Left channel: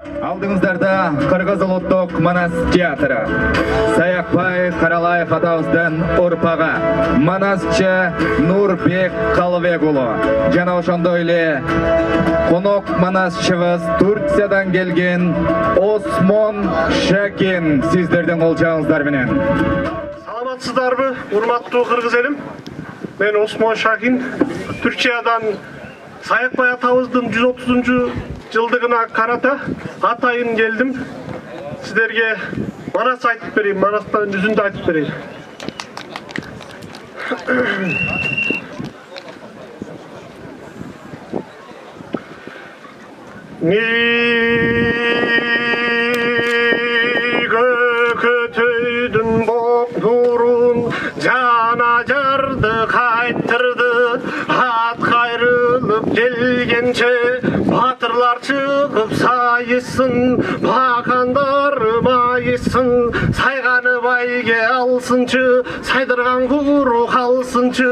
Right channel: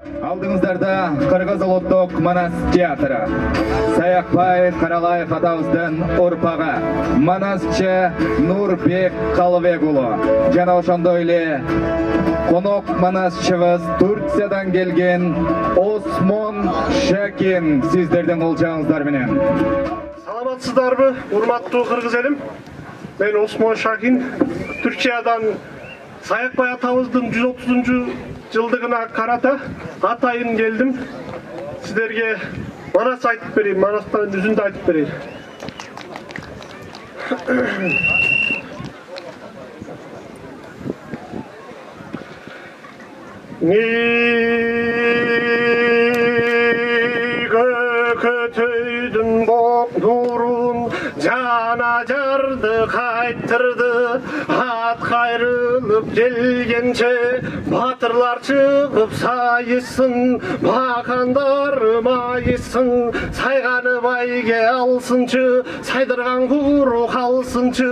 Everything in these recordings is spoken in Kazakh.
Алдыңыздарда Кыргыз улуттук Манас театры. Саякбай Каралаев атабыздын урпагы Манасчы Нурбек Калыбек уулу. Жана ошондой эле конок манасчыбыз Турциядан келген Осмон Шакин сиздердин колчагыңыздар менен. Саламатсыздарбы, урматтуу кыргыз элим? Мен Осмон Шакин, Түркиядан Саякбай атабыздын 130 жылдыгына карата атайын келдим. Сіздерге Манас айтып берейин, Манастан жүзүндө айтып берейин. Көтөйдүн боп нурун жана жарды кайттырды, ат кайрылып келгенче батырлар чыгып сайысын, бакандар майысын, сайганы байге алсынчы, сайдырган куру калсынчы.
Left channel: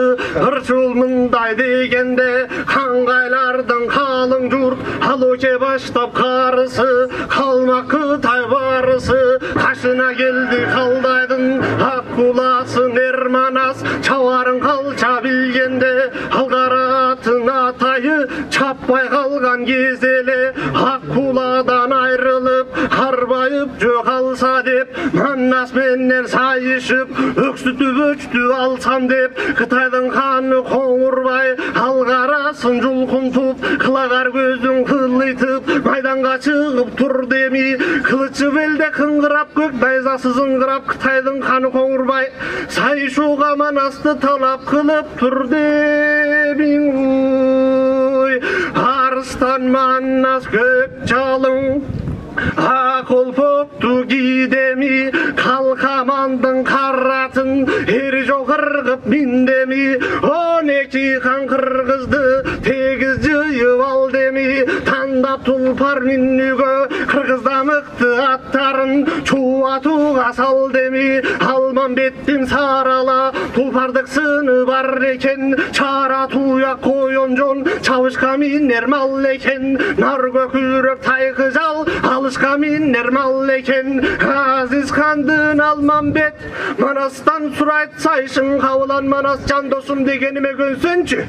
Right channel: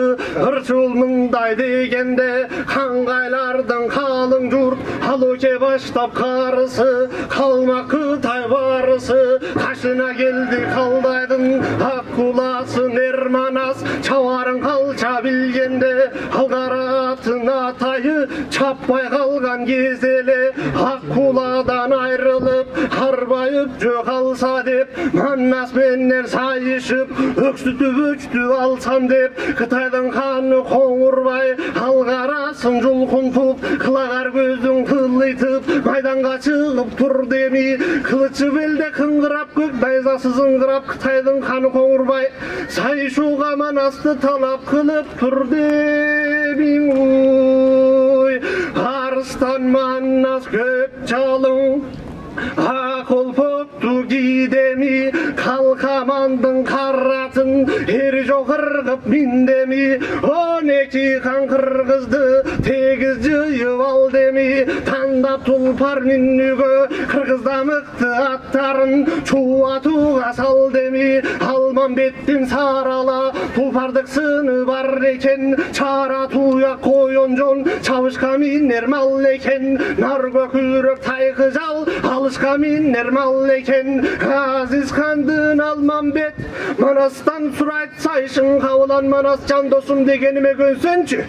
Ырчыл мындай дегенде каңгайлардын калың журт алуке баштап карысы, калмак Кытай барысы, кашына келди калдайдын ак куласын Манас, чабарын калча билгенде алгаратын атайы чаппай калган кезеле ак куладан айрылып карбайып жөө калса деп Манас менен сайышып өксүтүп өчтү алсам деп Кытайдын ханы Коңурбай алгарасын жулкунтуп кылагар көзүн кылыйтып майданга чыгып тур деми кылычы белде кыңгырап көк найзасы зыңгырап Кытайдын ханы Коңурбай сайышууга Манасты талап кылып тур деми арыстан Манас көк жалың ак олпокту кийдеми калкамандын каратын эр жок ыргып миндеми 12 хан кыргызды тегиз жыйып ал деми тандап тулпар минүүгө кыргызда мыкты аттарын чубатууга сал деми Алмамбеттин сарала тулпардык сыны бар экен чара туяк коёнжон чабышка минер мал экен нар көкүрөк тайкы жал алышка минер мал экен Азиз хандын Алмамбет Манастан сурайт сайшың кабылан Манас жан досум дегениме көнсөнчү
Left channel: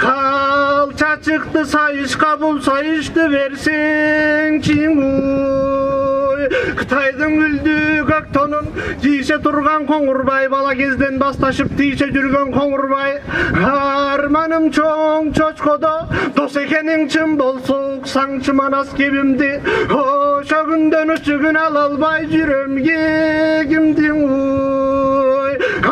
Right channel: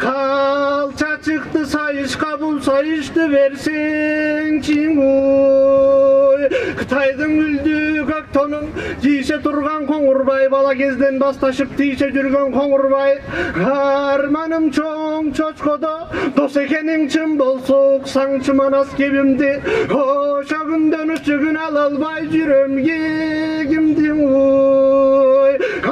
калча чыкты сайышка бул сайышты берсеңчи Кытайдын гүлдүү көк тонун кийше турган Коңурбай бала кезден башташып тийше жүргөн Коңурбай арманым чоң чочкодо дос экениң чын болсо уксаңчы Манас кебимди ошо күндөн үчүгүн ала албай жүрөм кегимдин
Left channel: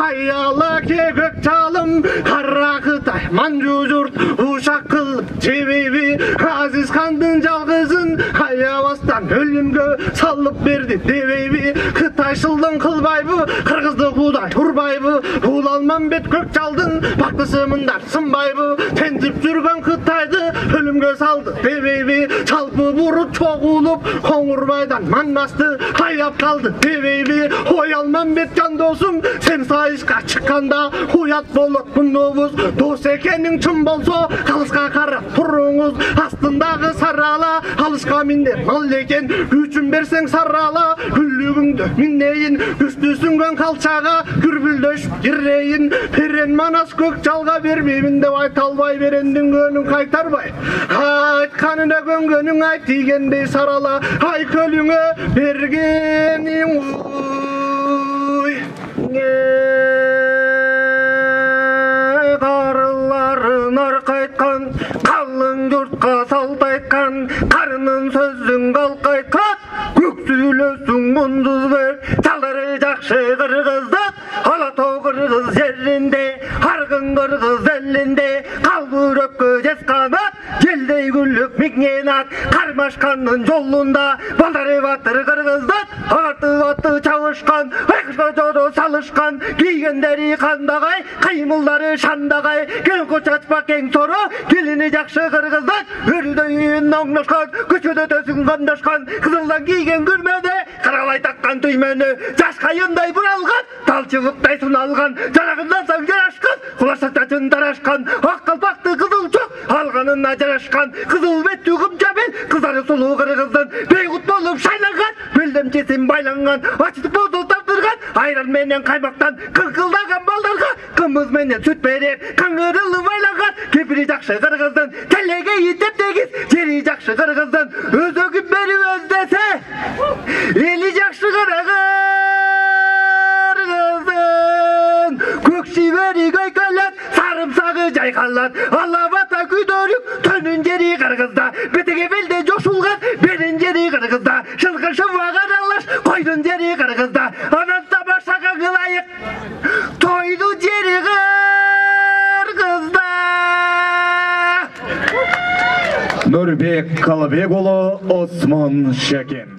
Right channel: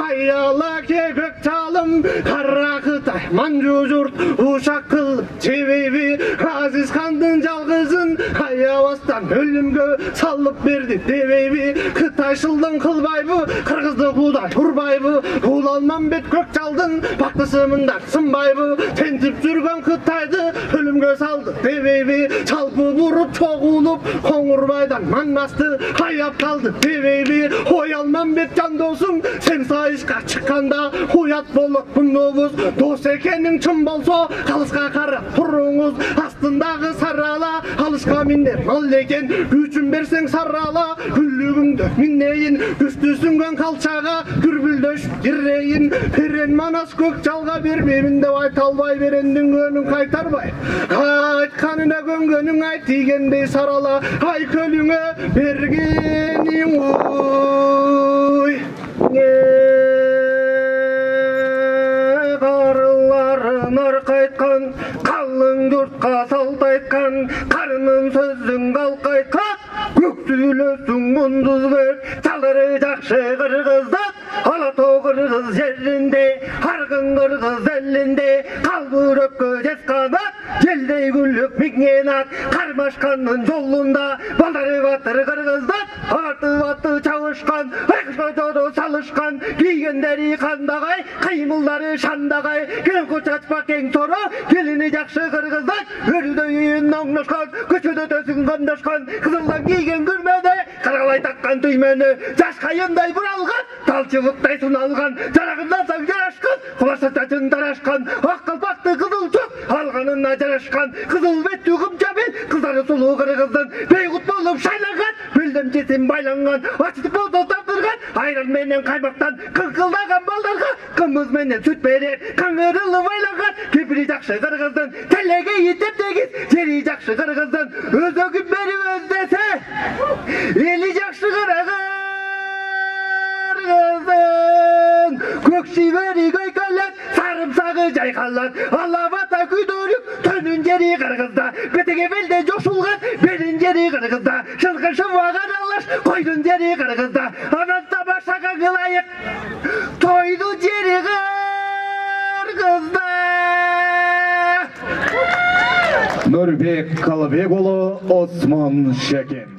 аяла ке көк жалым кара Кытай манжу журт ушак кылып жебеби Азиз хандын жалгызын аябастан өлүмгө салып берди дебейби Кытайшылдын кылбайбы кыргызды куудай урбайбы бул Алмамбет көк жалдын бактысы мындай сынбайбы тентип жүргөн Кытайды өлүмгө салды дебейби жалпы бурут чогулуп Коңурбайдан Манасты аяп калды дебейби ой Алмамбет жан досум сен сайышка чыкканда уят болот мунубуз дос экениң чын болсо калыска карап туруңуз астындагы сарала алышка минер мал экен күчүн берсең сарала күллүгүңдө минейин үстүсүнгөн калчага күрбүлдөшүп кирейин берен Манас көк жалга бербеймин деп айта албай берендин көнүн кайтарбай айтканына көнгөнүң айт дегендей сарала ай көлүңө бергениң карыларын аркайткан калың журтка салт айткан карынын сөзүн калкайткан көк сүйлөсүң мундуз бер жалыры жакшы кыргыздык ала тоо кыргыз жеринде аргын кыргыз элинде калбүрөккө жесканат желдей күлүп миңен ат кармашкандын жолунда балдары батыр кыргыздын артып аты чабышкан жодо салышкан кийгендери кандагай кыймылдары шандагай келко чачпак кең соро келини жакшы кыргыздын өрүдөйүн оңношкон көчөдө төсүн кандашкан кызылдан кийген күрмөдө каралай таккан түймөнү жаш кайындай буралган талчы Құлықтай сұналған, жарағынан саң жарашқан, құлашататын дарашқан, ақ қалпақты қызыл жоқ, алғанына жарашқан, қызыл бетті құмжабен, қыздары сұлу қырғыздың, бейғұт болып шайланған, белдемшесін байланған, ачытып бозол тапсырған, айран менен қаймақтан, қыңқылдаған балдарға, қымыз менен сүт берер, қаңырылы байланған, кепірі жақшы қырғыздың, телеге етеп тегіз, жері жақшы қырғыздың, өзөгін бері өздесе, елі жақшы қырғыздың, көк шибері көйкөлет, сарымсағы жайқалат, алабата күйдөріп, төнін жері қырғызда, бетеге белде жошулған, берін жері қырғызда, шылқы шывағар алаш, қойдың жері қырғызда, анан тамашаға қылайық, тойды жері қырғызда. Нұрбек Қалыбекұлы, Осман Шәкен.